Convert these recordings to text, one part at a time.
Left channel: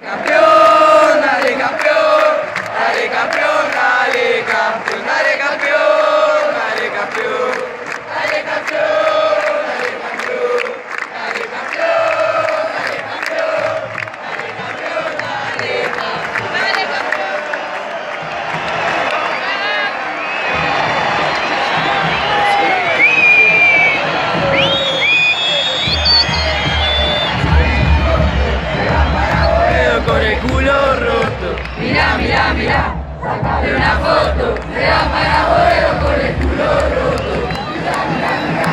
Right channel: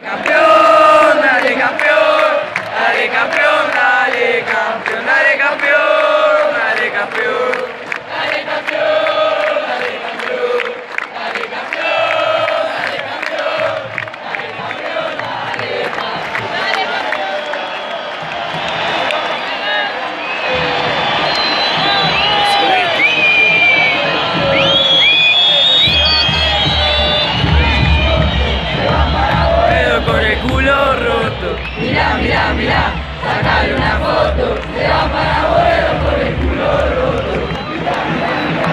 Campeón, dale campeón, dale campeón, dale campeón, dale campeón, dale campeón. Dale campeón, dale campeón, dale campeón, dale campeón, dale campeón, dale campeón, dale campeón. Con el culo roto. Mira, mira, mira, sacale una foto. Se va para abuelo con el culo roto. Mira, mira, mira.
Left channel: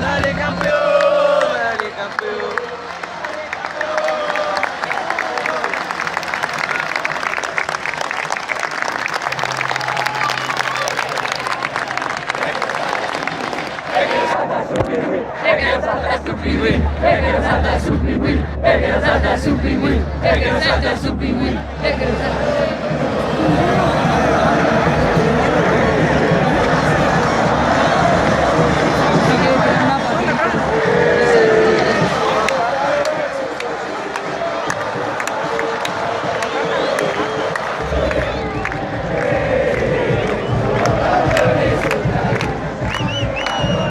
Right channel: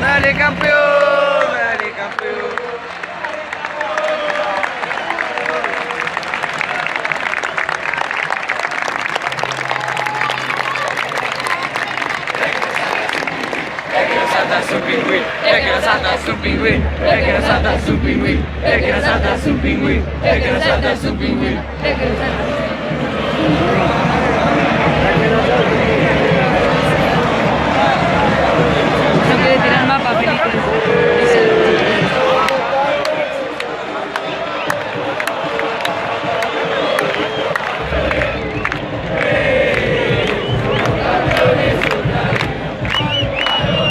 Dale campeón, dale campeón. Salta su pingüín, es que salta su pingüín, es que salta su pingüín, es que salta su pingüín, es que salta su pingüín, es que salta su pingüín.